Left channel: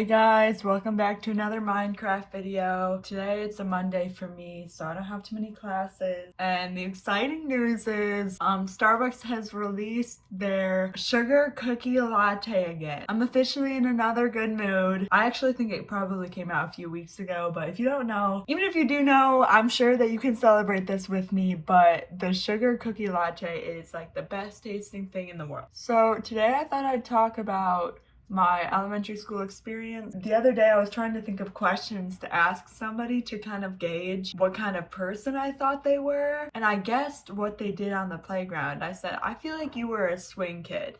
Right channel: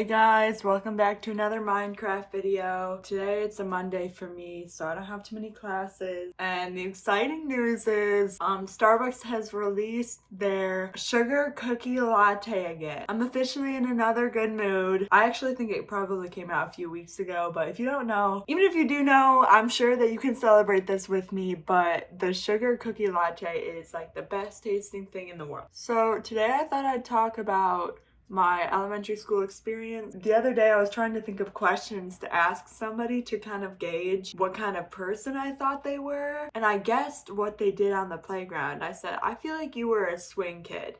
Hey guys, welcome back to another Minecraft video. Today it's a Monday for me, so I don't have too many classes. And the exciting news is Starbucks has released their sugar cookie latte again. I'm officially in another good mood. I actually think it probably came out a few weeks ago, but if you don't know, even if you do know, I'm sure that you can celebrate this with me, but the sugar cookie latte is like the best tasting thing in the world. So today I thought I'd talk about my elementary school experience. The other day I was trying to think of questions to ask somebody to kind of gauge what kind of person I thought they were, and I guessed what they did on the playground. I said, I feel like you were a swing kid.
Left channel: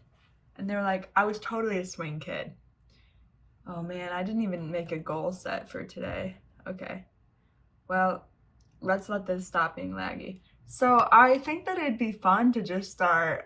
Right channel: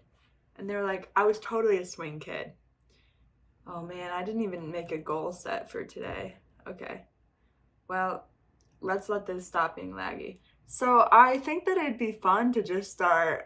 And they were like, I was totally a swing kid. Oh man, I didn't even make a goal set for today. Okay, well, let's let this stop being laggy. So I think that it'd be fun to just start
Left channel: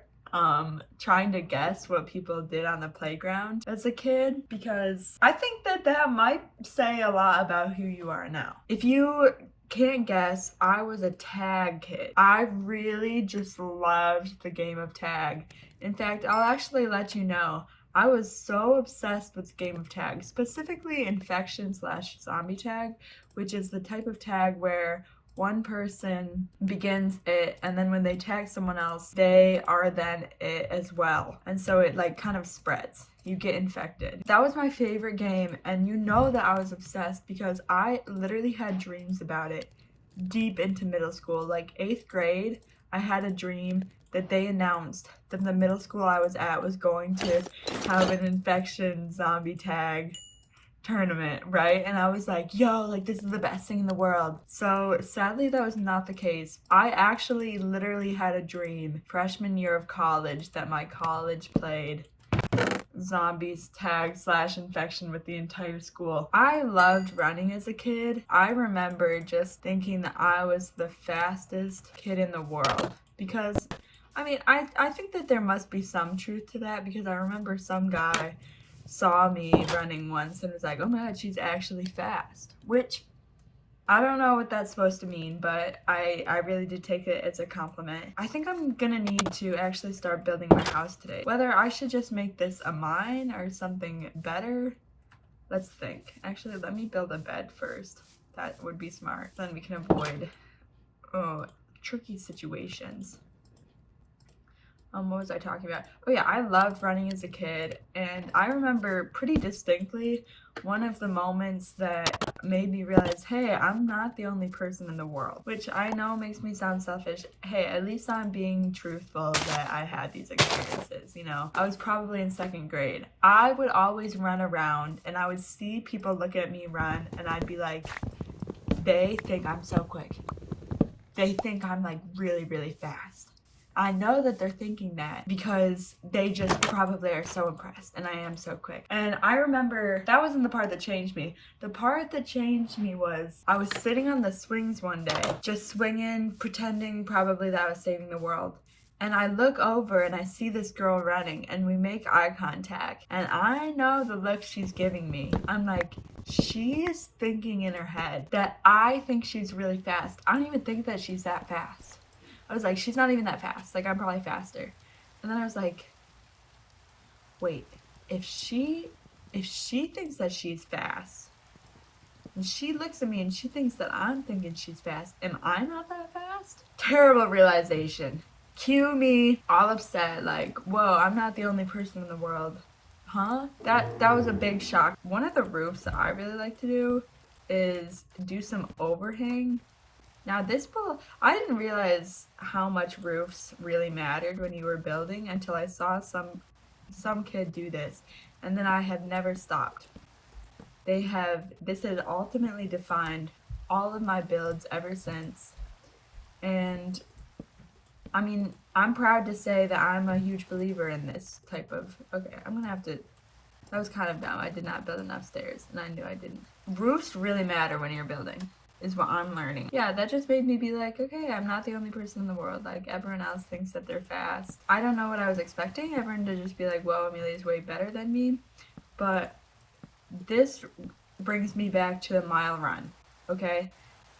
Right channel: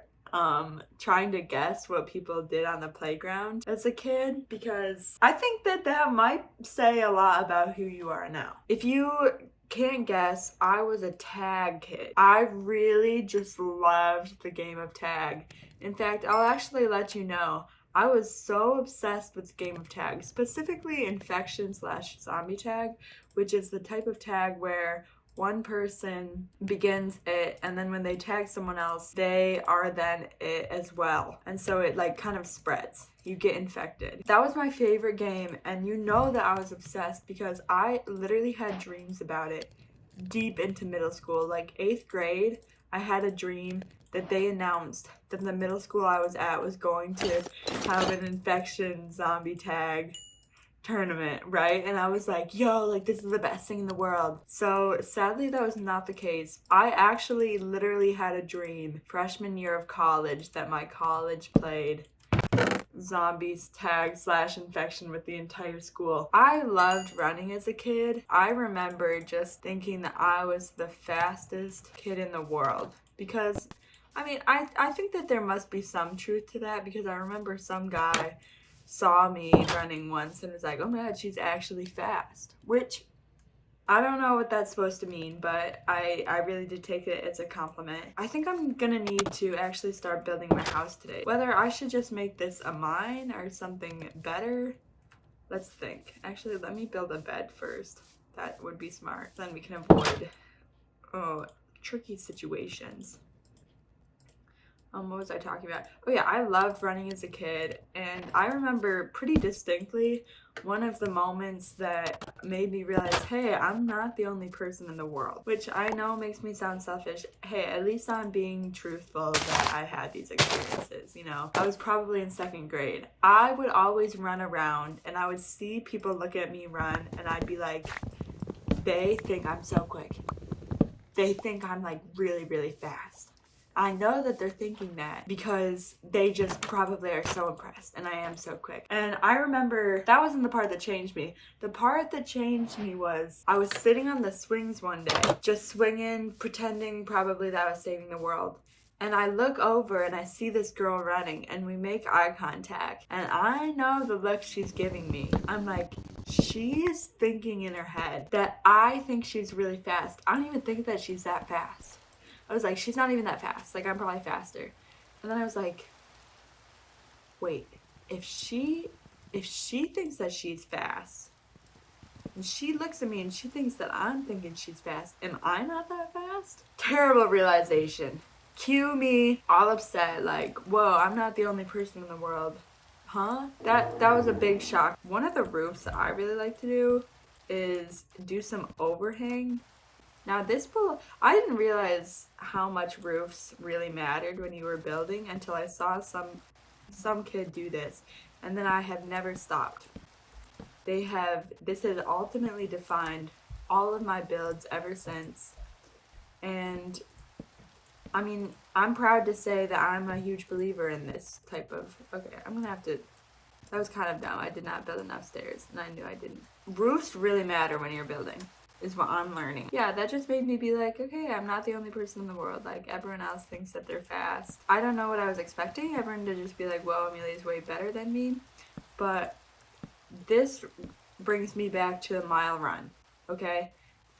trying to guess what people did on the playground as a kid, because I think that that might say a lot about who you are now. If you can't guess, I was a tag kid. I really just loved the game of tag. In fact, I'll actually let you know, I was so obsessed with the game of tag, specifically infection/zombie tag, which is the type of tag where one person begins it, and then when they tag someone else, they are then it as well. And so it like kind of spreads. You get infected. That was my favorite game, and you know that I was obsessed because I literally had dreams about it deep into middle school. Like 8th grade, I had a dream that they announced that the middle school I was at was going to have an infection zombie tag tournament, right? And I was like, yo, like this is the best thing in the world. So sadly that was not the case. I actually literally had a dream freshman year of college that my college played zombies tag/infection with the entire school. I loved running as a kid. I remember just thinking that I was the fastest kid in the world, because I think that there must be some truth to that, because I remember some guy saw me running once and was like, oh my god, she's actually fast, which I don't know what that's supposed to mean, but I really did take it as a compliment. I think I'm gonna need to actually start building my house today. Whether I should just make this a mine or something better, let's think. Actually, let me build a bed first. That would be smart. Then we can avoid tricky situations. What was I talking about? Oh yeah, I loved running as a kid, and I remember pretty distinctly one of the moments that made me realize, hey, I'm not the only person in the world, which I know makes me sound selfish. Hey, at least I'm being truthful that I had these experiences, you know? I was probably in 2nd grade. I would always run around, and I would see people look at me run, and I'd be like, they think I'm so quick. They think I'm like really, really fast. I know that they're thinking that because they just probably are so impressed, and I am so quick. And I remember that wasn't the part that changed me. The part that changed me was I was sitting on the swings one day, just swinging, pretending probably that I was saving the world. And I look over and I see this girl running, and we make eye contact. And I know the look she's giving me. I'm like, she is thinking in her head that I think she's really fast. I don't even think that she's that fast. I was like, she's not even that fast. Like, I'm probably faster. And then I was like, wait, if she thinks that she's fast, and she looks at me and she thinks that I'm thinking she's fast, am I not that fast? Terrible realization. Cue me all upset, like, whoa, I'm not the only person in the world. Huh? That was a big shock. One of the roofs that I really like to do is do some overhang. Now I didn't realize how much roofs really mattered when you were building until I saw some kid do this, and then I have never stopped. This has ultimately defined all of my builds ever since, and I mean, I'm proud to say that I'm a huge believer in this type of, okay, I'm gonna have to, that was kind of dumb. I did not build enough stairs, and I knew I didn't. Roofs really matter when you're building, is what I'm learning. Yeah, that just made me be like, okay, I'm not the only person in the world. Like, everyone else thinks that they're fast. I don't know what I was expecting. Everyone to just be like, whoa, Amelia's way better than me. But this brings me back to a mile run, okay?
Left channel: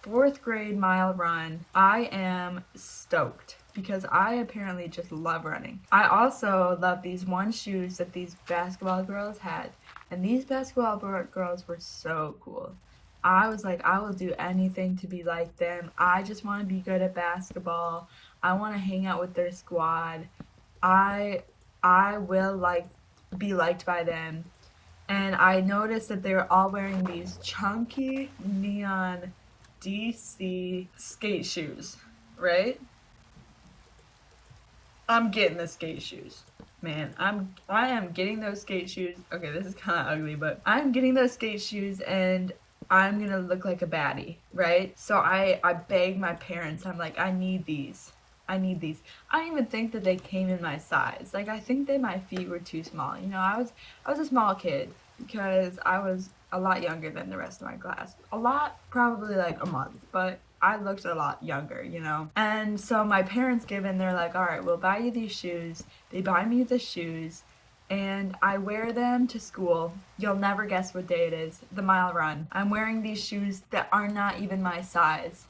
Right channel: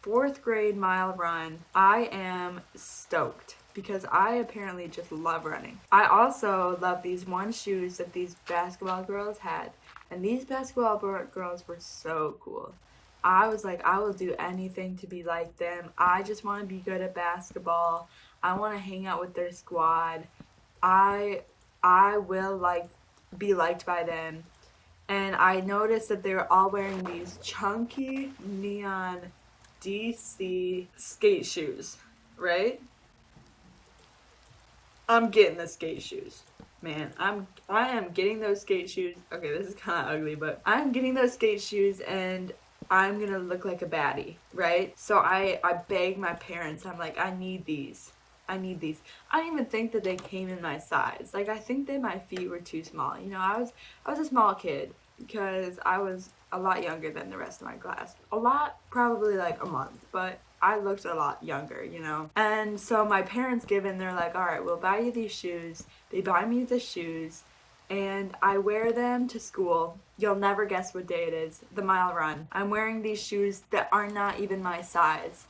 4th grade mile run. I am stoked because I apparently just love running. I also love these one shoes that these basketball girls had, And these basketball girls were so cool. I was like, I will do anything to be like them. I just want to be good at basketball. I want to hang out with their squad. I I will like be liked by them. And I noticed that they were all wearing these chunky neon DC skate shoes, right? I'm getting the skate shoes. Man, I am getting those skate shoes. Okay, this is kind of ugly, but I'm getting those skate shoes and I'm gonna look like a baddie, right? So I begged my parents. I'm like, I need these. I need these. I don't even think that they came in my size. Like, I think that my feet were too small. You know, I was a small kid because I was a lot younger than the rest of my class. A lot, probably like a month, but I looked a lot younger, you know? And so my parents give in, they're like, all right, we'll buy you these shoes. They buy me the shoes, and I wear them to school. You'll never guess what day it is, the mile run. I'm wearing these shoes that are not even my size.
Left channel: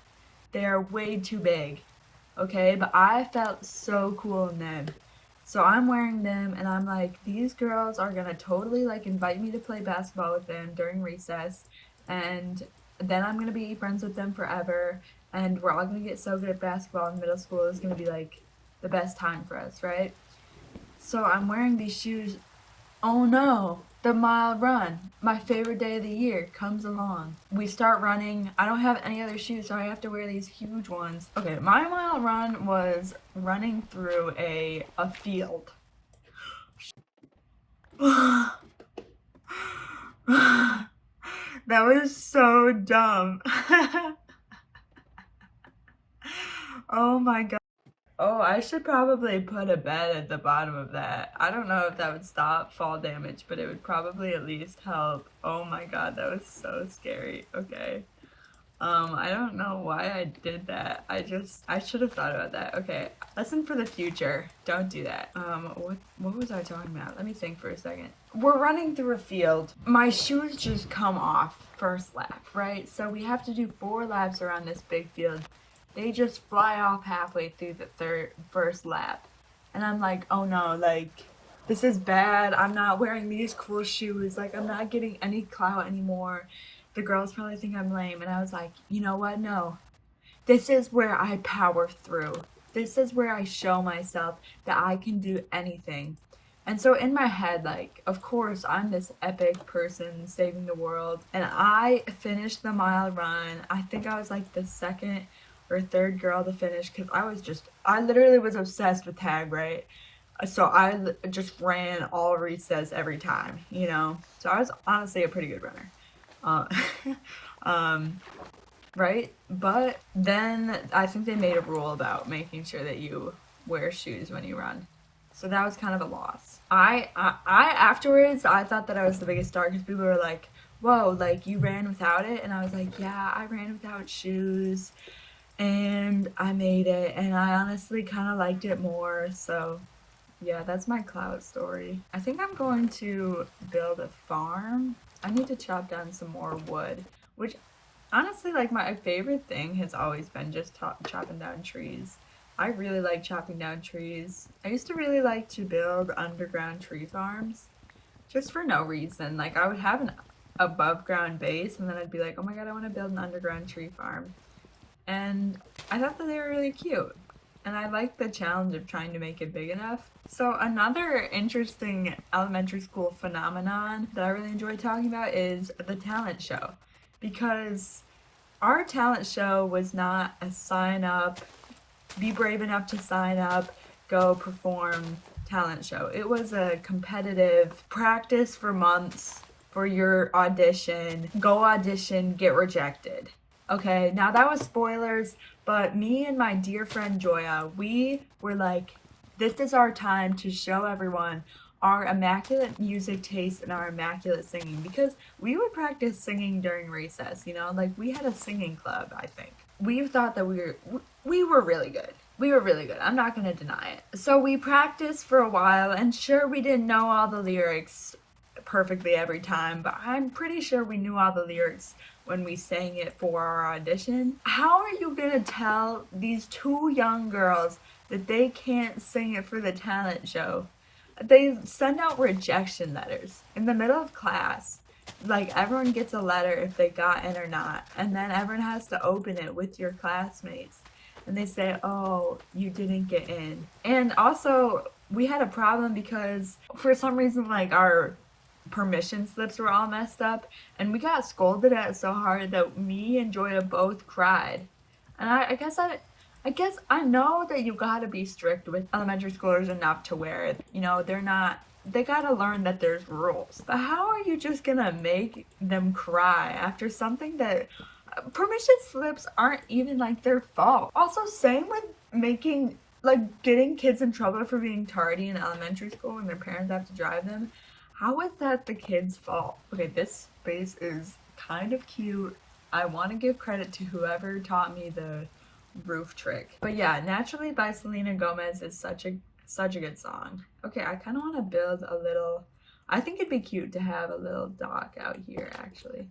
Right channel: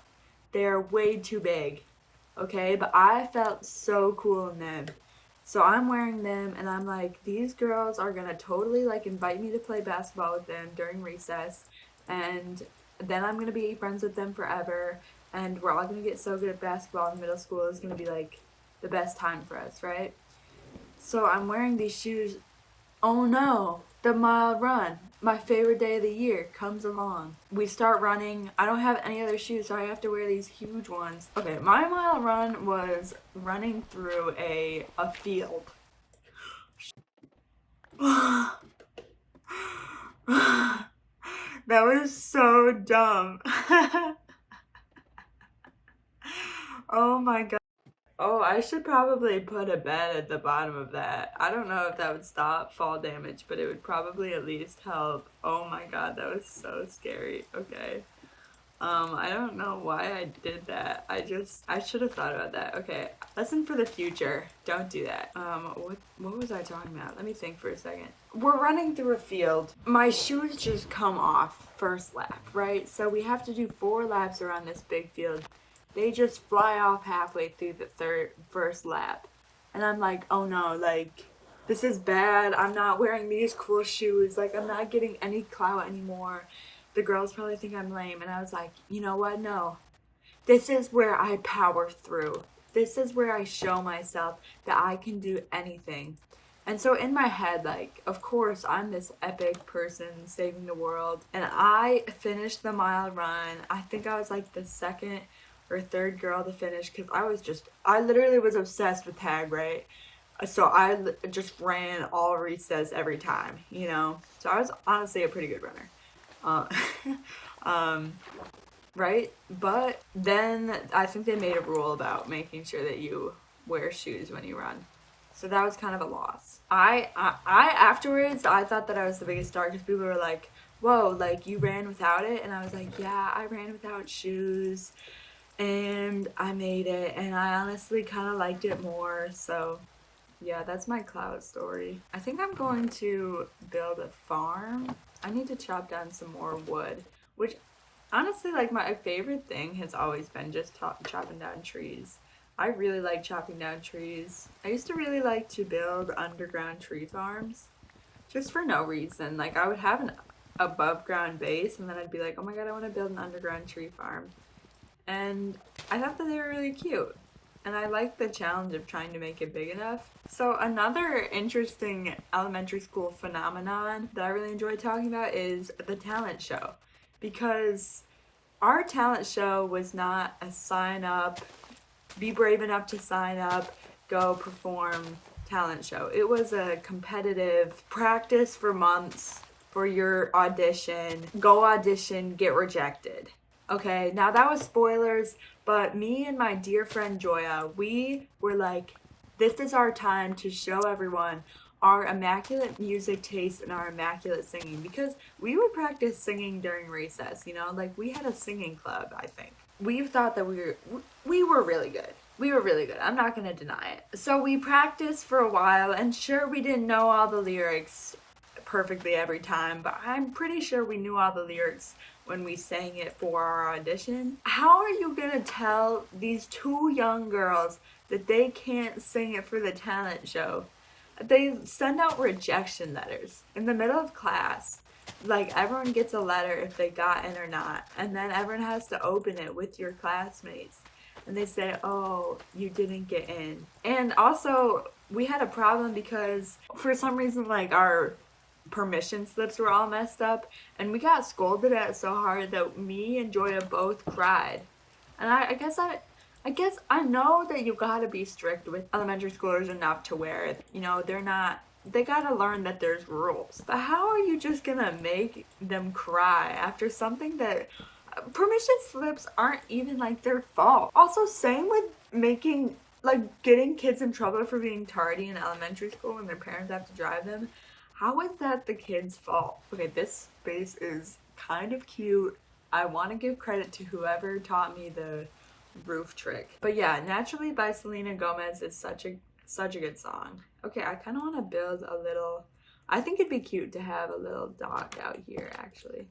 They're way too big, okay? But I felt so cool in them. So I'm wearing them, and I'm like, these girls are gonna totally like invite me to play basketball with them during recess, and then I'm gonna be friends with them forever, and we're all gonna get so good at basketball in middle school. It's gonna be like the best time for us, right? So I'm wearing these shoes. Oh no, the mile run, my favorite day of the year, comes along. We start running. I don't have any other shoes, so I have to wear these huge ones. Okay, my mile run was running through a field. That was so dumb. Oh my god. Oh, I should probably put a bed at the bottom of that. I don't know if that would stop fall damage, but it would probably at least help. Oh my god, that was so scary. Okay. I don't know why I did that. I should have thought about that. Okay, lesson for the future. Don't do that. What was I talking about? Let me think for a second. We're running through a field. My shoes just come off first lap, right? So we have to do 4 laps around this big field. They just fly off halfway through the first lap. And I'm like, oh no, like, this is bad. I'm not wearing these cool shoes. Like, I'm not getting any clout anymore. The girls probably think I'm lame. And I was like, you know what? No. This is where I power through. This is where I show myself that I can do anything. And so in my head, like, of course, I'm this epic person saving the world. And I finished the mile run. I think I was like the second or third girl to finish because I literally was obsessed with tag, right? So I just ran all recess every time, you know? So I was honestly a pretty good runner. Right? But then I think they made a rule about making sure that you wear shoes when you run. So that was kind of a loss. I afterwards, I thought that I was the biggest star because people were like, whoa, like you ran without it? And I was like, yeah, I ran without shoes. And I made it, and I honestly kind of liked it more. So yeah, that's my cloud story. I think I'm going to build a farm. I need to chop down some more wood, which honestly, like, my favorite thing has always been just chopping down trees. I really like chopping down trees. I used to really like to build underground tree farms just for no reason. Like, I would have an above ground base, and then I'd be like, oh my god, I want to build an underground tree farm. And I thought that they were really cute. And I liked the challenge of trying to make it big enough. So another interesting elementary school phenomenon that I really enjoy talking about is the talent show. Because our talent show was not a sign up, be brave enough to sign up, go perform talent show. It was a competitive practice for months for your audition, go audition, get rejected. Okay, now that was spoilers, but me and my dear friend Joya, we were like, this is our time to show everyone our immaculate music taste and our immaculate singing, because we would practice singing during recess, you know, like we had a singing club, I think. We thought that we were really good. We were really good. I'm not going to deny it. So we practiced for a while, and sure, we didn't know all the lyrics perfectly every time, but I'm pretty sure we knew all the lyrics when we sang it for our audition. How are you gonna tell these 2 young girls that they can't sing it for the talent show? they send out rejection letters in the middle of class. Like, everyone gets a letter if they got in or not, and then everyone has to open it with your classmates. And they say, oh, you didn't get in. And also, we had a problem because for some reason, like, our permission slips were all messed up, and we got scolded at so hard that me and Joya both cried. And I guess I know that you gotta be strict with elementary schoolers enough to where, you know, they gotta learn that there's rules. But how are you just gonna make them cry after something that permission slips aren't even like their fault? Also, same with getting kids in trouble for being tardy in elementary school when their parents have to drive them. How is that the kid's fault? Okay, this space is kind of cute. I want to give credit to whoever taught me the roof trick. But yeah, Naturally by Selena Gomez is such a good song. Okay, I kind of want to build a little, I think it'd be cute to have a little dock out here actually.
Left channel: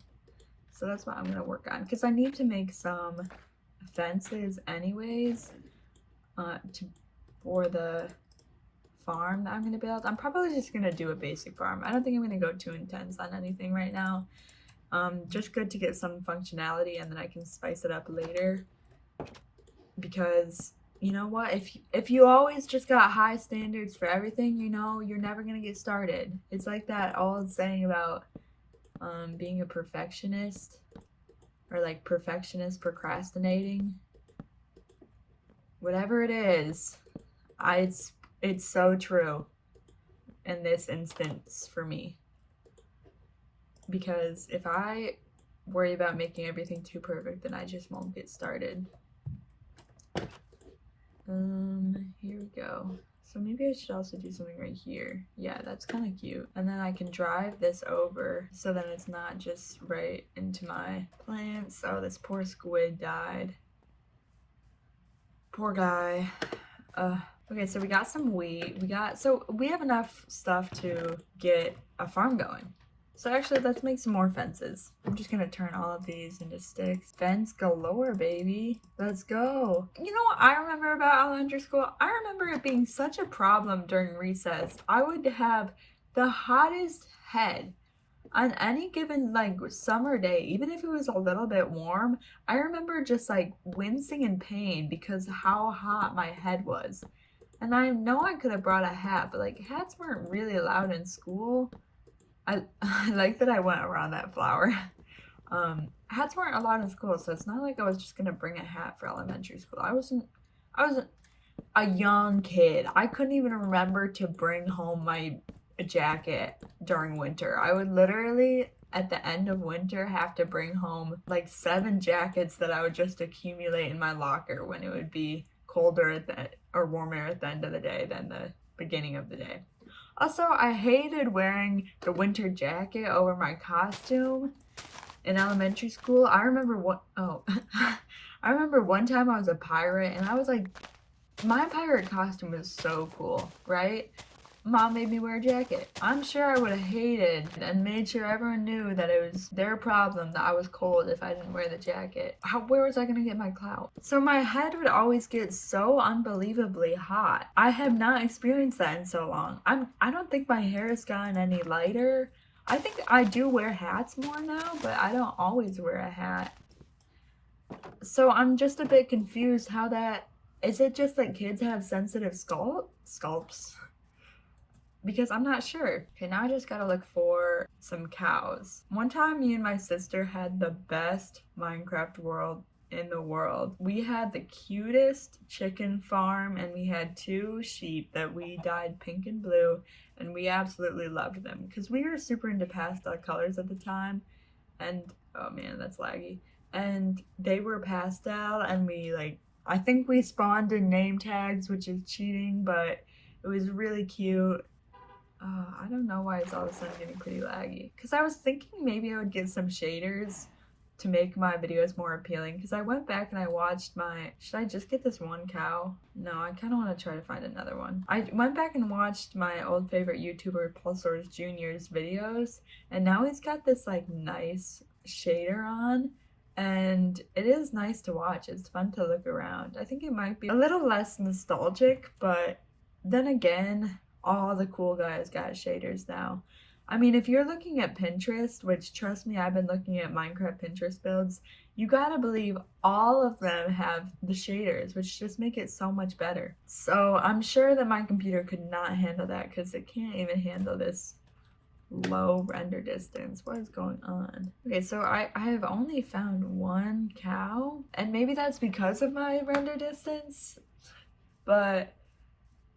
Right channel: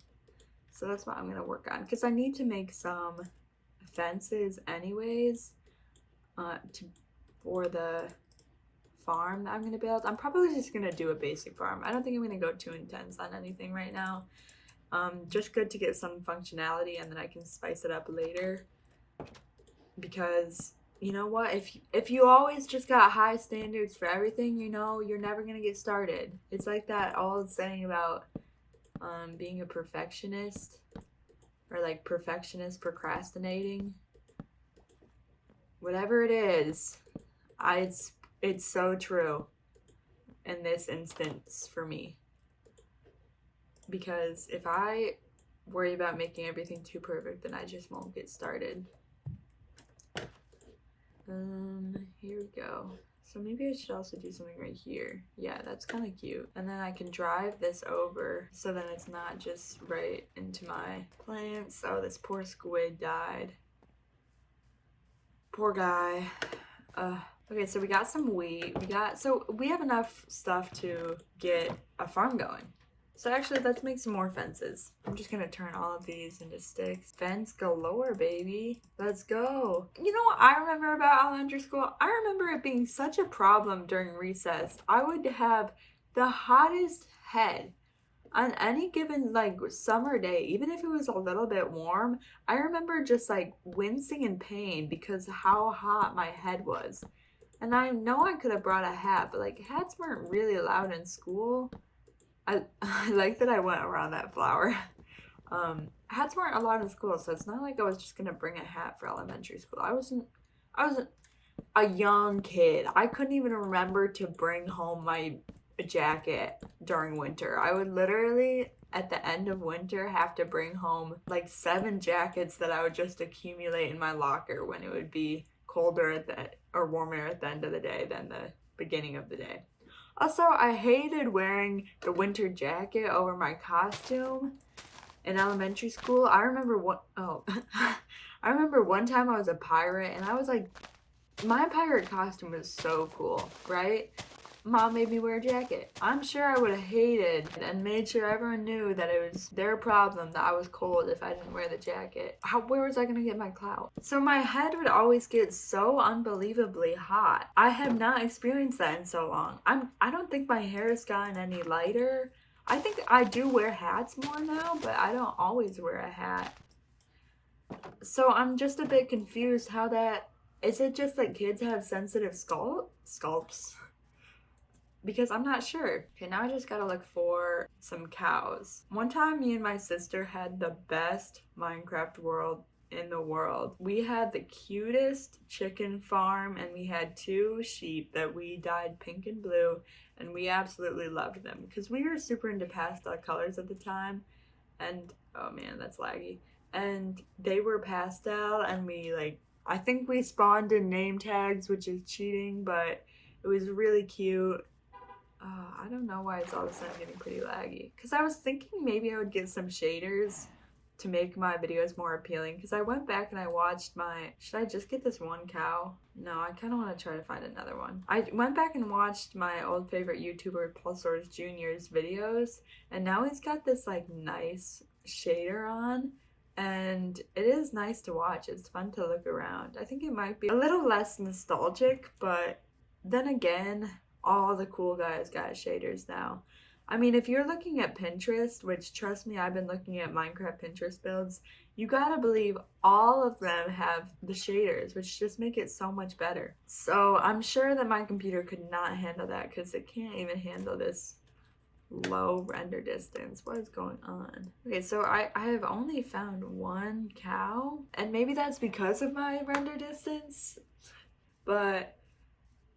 So that's what I'm going to work on, because I need to make some fences anyways for the farm that I'm going to build. I'm probably just going to do a basic farm. I don't think I'm going to go too intense on anything right now. Just good to get some functionality, and then I can spice it up later. Because you know what, if you always just got high standards for everything, you know, you're never gonna get started. It's like that old saying about being a perfectionist, or like perfectionist procrastinating. Whatever it is, it's so true in this instance for me. Because if I worry about making everything too perfect, then I just won't get started. Here we go. So maybe I should also do something right here. Yeah, that's kind of cute. And then I can drive this over so that it's not just right into my plants. Oh, this poor squid died. Poor guy. Okay, so we got some wheat. We have enough stuff to get a farm going. So actually, let's make some more fences. I'm just gonna turn all of these into sticks. Fence galore, baby. Let's go. You know what I remember about elementary school? I remember it being such a problem during recess. I would have the hottest head on any given like summer day, even if it was a little bit warm. I remember just like wincing in pain because how hot my head was. And I know I could have brought a hat, but like hats weren't really allowed in school. I like that I went around that flower. Hats weren't allowed in school, so it's not like I was just gonna bring a hat for elementary school. I was a young kid. I couldn't even remember to bring home my jacket during winter. I would literally, at the end of winter, have to bring home like 7 jackets that I would just accumulate in my locker when it would be colder or warmer at the end of the day than the beginning of the day. Also, I hated wearing the winter jacket over my costume in elementary school. I remember I remember one time I was a pirate, and I was like, my pirate costume was so cool, right? Mom made me wear a jacket. I'm sure I would have hated and made sure everyone knew that it was their problem that I was cold if I didn't wear the jacket. Where was I gonna get my clout? So my head would always get so unbelievably hot. I have not experienced that in so long. I don't think my hair has gotten any lighter. I think I do wear hats more now, but I don't always wear a hat. So I'm just a bit confused how that, is it just that kids have sensitive scalps? Because I'm not sure. Okay, now I just gotta look for some cows. One time me and my sister had the best Minecraft world in the world. We had the cutest chicken farm, and we had 2 sheep that we dyed pink and blue, and we absolutely loved them because we were super into pastel colors at the time. And oh man, that's laggy. And they were pastel, and I think we spawned in name tags, which is cheating, but it was really cute. I don't know why it's all of a sudden getting pretty laggy. Because I was thinking maybe I would get some shaders to make my videos more appealing. Because I went back and I watched should I just get this one cow? No, I kind of want to try to find another one. I went back and watched my old favorite YouTuber, Pulsar's Jr.'s videos. And now he's got this like nice shader on. And it is nice to watch. It's fun to look around. I think it might be a little less nostalgic, but then again, all the cool guys got shaders now. I mean, if you're looking at Pinterest, which trust me, I've been looking at Minecraft Pinterest builds, you gotta believe all of them have the shaders, which just make it so much better. So I'm sure that my computer could not handle that because it can't even handle this low render distance. What is going on? Okay, so I have only found one cow, and maybe that's because of my render distance, but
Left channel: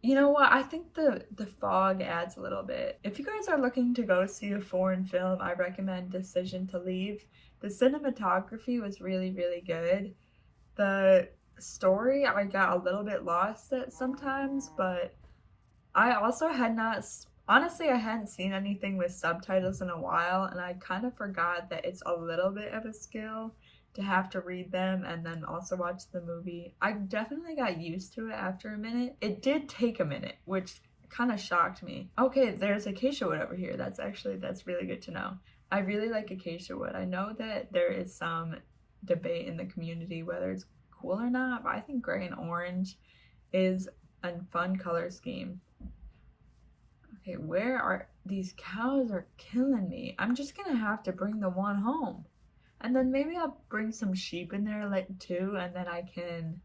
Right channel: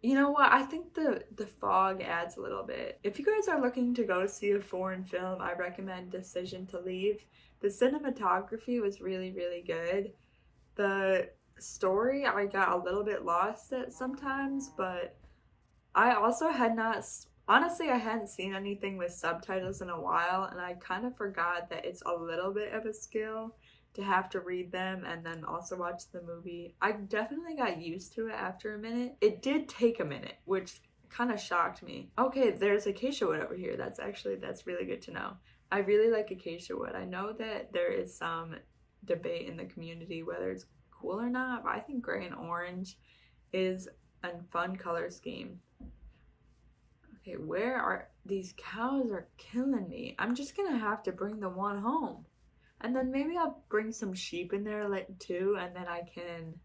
you know what? I think the fog adds a little bit. If you guys are looking to go see a foreign film, I recommend Decision to Leave. The cinematography was really, really good. The story, I got a little bit lost at sometimes, but I also had not, honestly, I hadn't seen anything with subtitles in a while, and I kind of forgot that it's a little bit of a skill to have to read them and then also watch the movie. I definitely got used to it after a minute. It did take a minute, which kind of shocked me. Okay, there's acacia wood over here. That's really good to know. I really like acacia wood. I know that there is some debate in the community whether it's cool or not, but I think gray and orange is a fun color scheme. Okay, where are these cows are killing me. I'm just gonna have to bring the one home. And then maybe I'll bring some sheep in there too, and then I can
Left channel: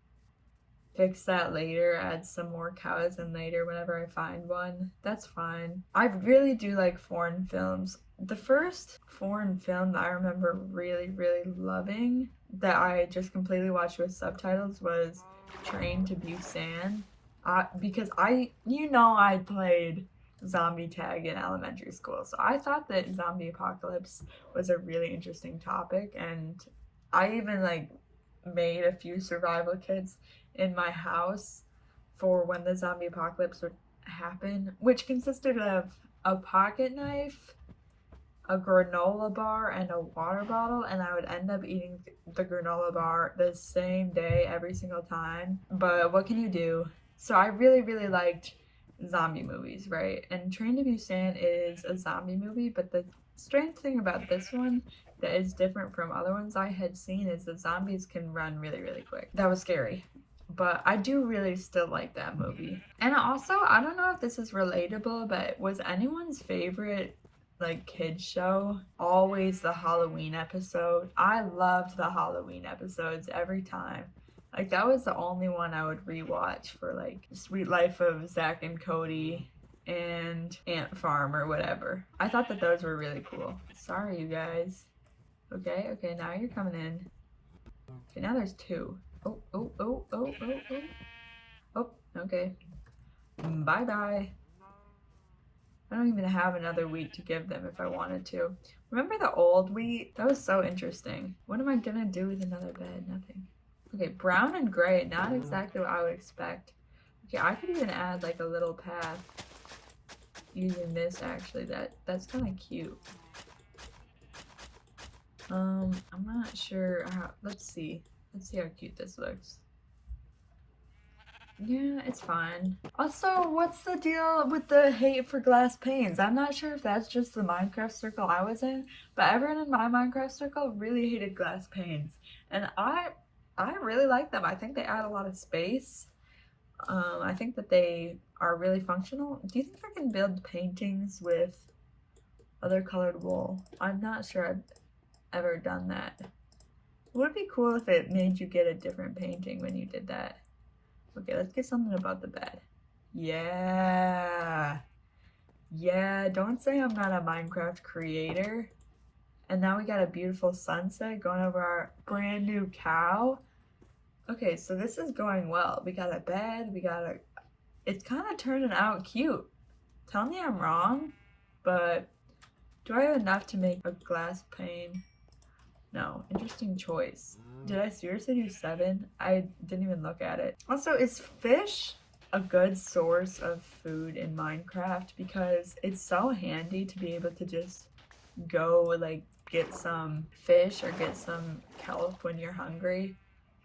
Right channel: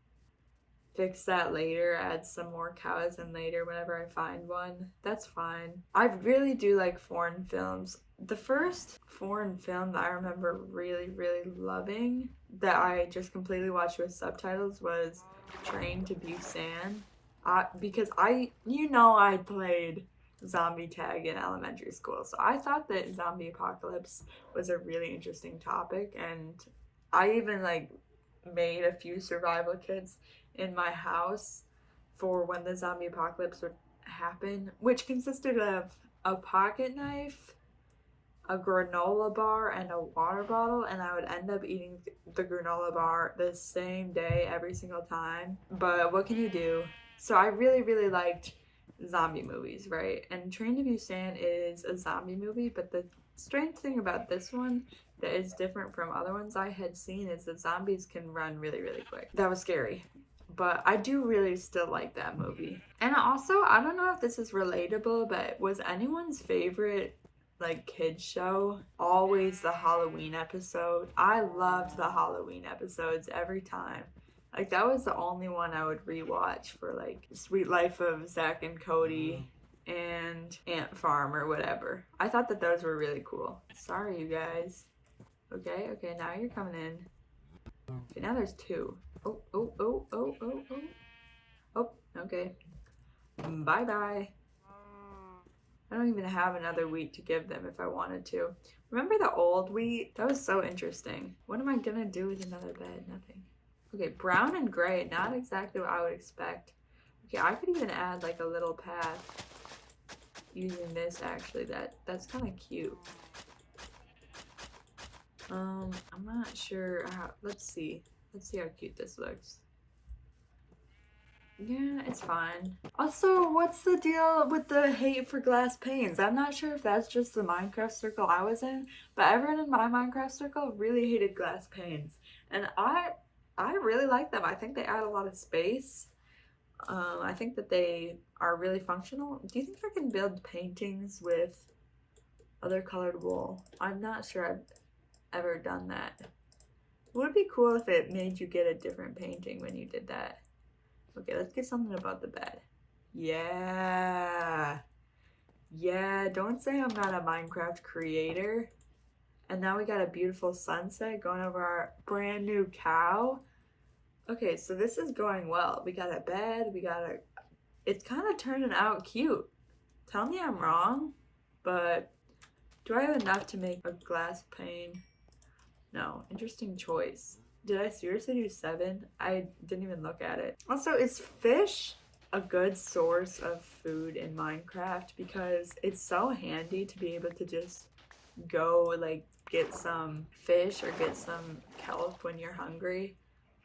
fix that later, add some more cows in later whenever I find one. That's fine. I really do like foreign films. The first foreign film that I remember really, really loving that I just completely watched with subtitles was Train to Busan. Because I played zombie tag in elementary school, so I thought that zombie apocalypse was a really interesting topic, and I even like made a few survival kits in my house for when the zombie apocalypse would happen, which consisted of a pocket knife, a granola bar, and a water bottle, and I would end up eating the granola bar the same day every single time. But what can you do? So I really, really liked zombie movies, right? And Train to Busan is a zombie movie, but the strange thing about this one that is different from other ones I had seen is that zombies can run really, really quick. That was scary. But I do really still like that movie. And also, I don't know if this is relatable, but was anyone's favorite like kids show always the Halloween episode? I loved the Halloween episodes every time. Like, that was the only one I would rewatch for, like, Sweet Life of Zach and Cody and Ant Farm or whatever. I thought that those were really cool. Sorry, you guys. Okay, now you're coming in. Okay, now there's two. Oh. Oh, okay. Bye-bye. I don't even have another wheat to give them if I wanted to. Remember the old wheat? That was so interesting. What am I gonna do with another bed? Nothing. Okay, brown and gray, not exactly what I would expect. Okay, I could even add like a little path using this actually. That's kind of cute. I'm not sure how, let's see how cute this looks. Yeah, it's fine. Also, what's the deal with the hate for glass panes? I'm not sure if that's just the Minecraft circle I was in, but everyone in my Minecraft circle really hated glass panes. And I really like them. I think they add a lot of space. I think that they are really functional. Do you think I can build paintings with other colored wool? I'm not sure I've ever done that. It would be cool if it made you get a different painting when you did that. Okay, let's get something about the bed. Yeah, don't say I'm not a Minecraft creator. And now we got a beautiful sunset going over our brand new cow. Okay, so this is going well. We got a bed, it's kind of turning out cute. Tell me I'm wrong, but do I have enough to make a glass pane? No, interesting choice. Did I seriously do 7? I didn't even look at it. Also, is fish a good source of food in Minecraft? Because it's so handy to be able to just go like get some fish or get some kelp when you're hungry.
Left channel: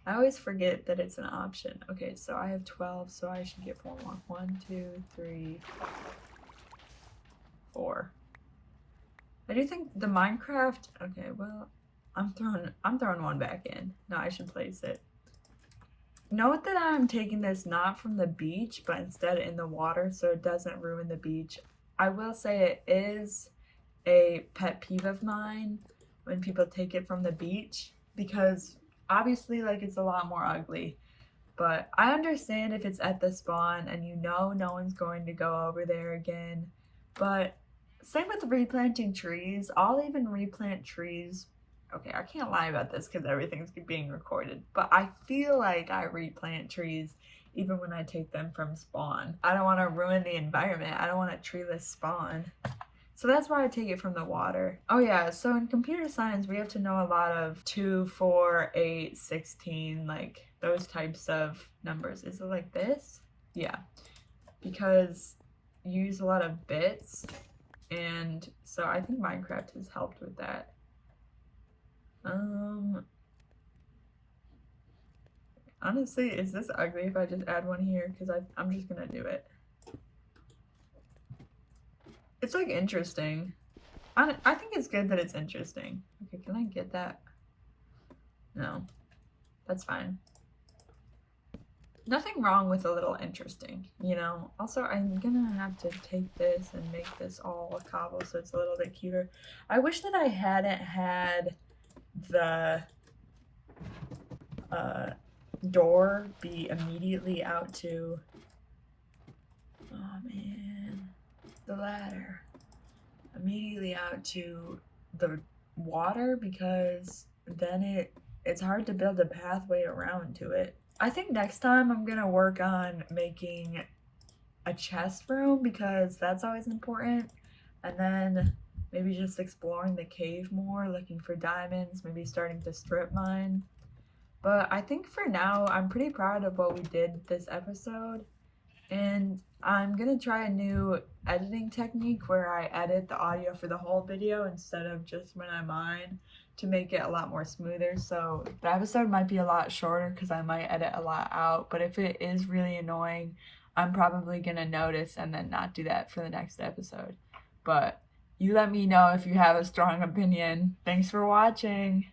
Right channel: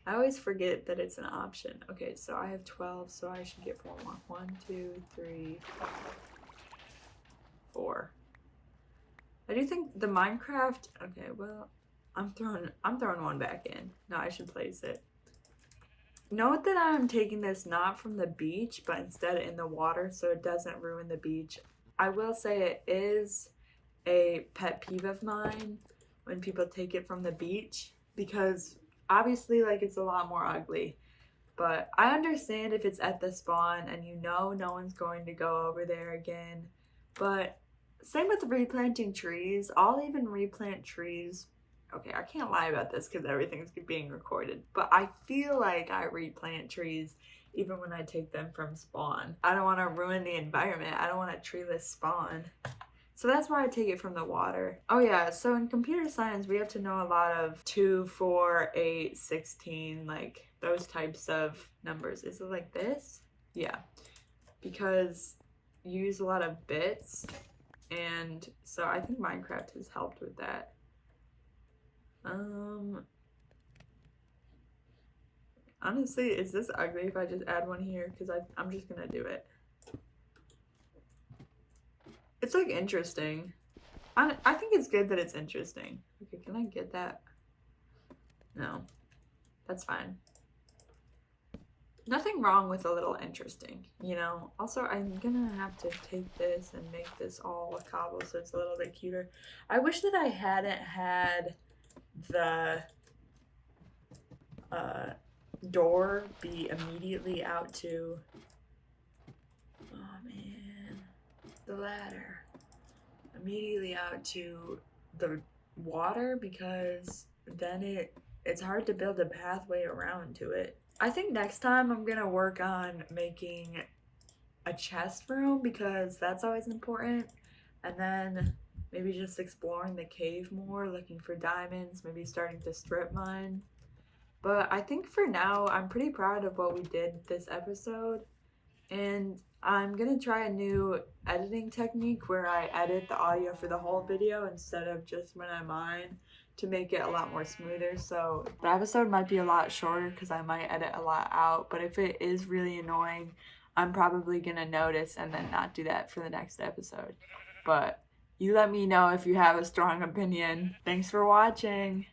I always forget that it's an option. Okay, so I have 12, so I should get 4 more. 1, 2, 3, 4. I do think the Minecraft, okay, well, I'm throwing one back in. No, I should place it. Note that I'm taking this not from the beach, but instead in the water so it doesn't ruin the beach. I will say it is a pet peeve of mine when people take it from the beach because obviously like it's a lot more ugly. But I understand if it's at the spawn and you know no one's going to go over there again. But same with replanting trees. I'll even replant trees. Okay, I can't lie about this because everything's being recorded. But I feel like I replant trees even when I take them from spawn. I don't want to ruin the environment. I don't want a treeless spawn. So that's why I take it from the water. Oh yeah, so in computer science, we have to know a lot of 2, 4, 8, 16, like those types of numbers. Is it like this? Yeah, because you use a lot of bits, and so I think Minecraft has helped with that. Honestly, is this ugly if I just add one here? Because I'm just gonna do it. It's like interesting. I think it's good that it's interesting. Okay, can I get that? No, that's fine. Nothing wrong with a little interesting, you know? Also, I'm gonna have to take this and make this all a cobble so it's a little bit cuter. I wish that I hadn't had the door be immediately out to, oh man, the ladder. Immediately out to the water because then it's hard to build a pathway around to it. I think next time I'm gonna work on making a chest room because that's always important, and then maybe just exploring the cave more, looking for diamonds, maybe starting to strip mine. But I think for now I'm pretty proud of what we did this episode, and I'm gonna try a new editing technique where I edit the audio for the whole video instead of just when I mine to make it a lot more smoother. So the episode might be a lot shorter because I might edit a lot out, but if it is really annoying, I'm probably gonna notice and then not do that for the next episode. But you let me know if you have a strong opinion. Thanks for watching.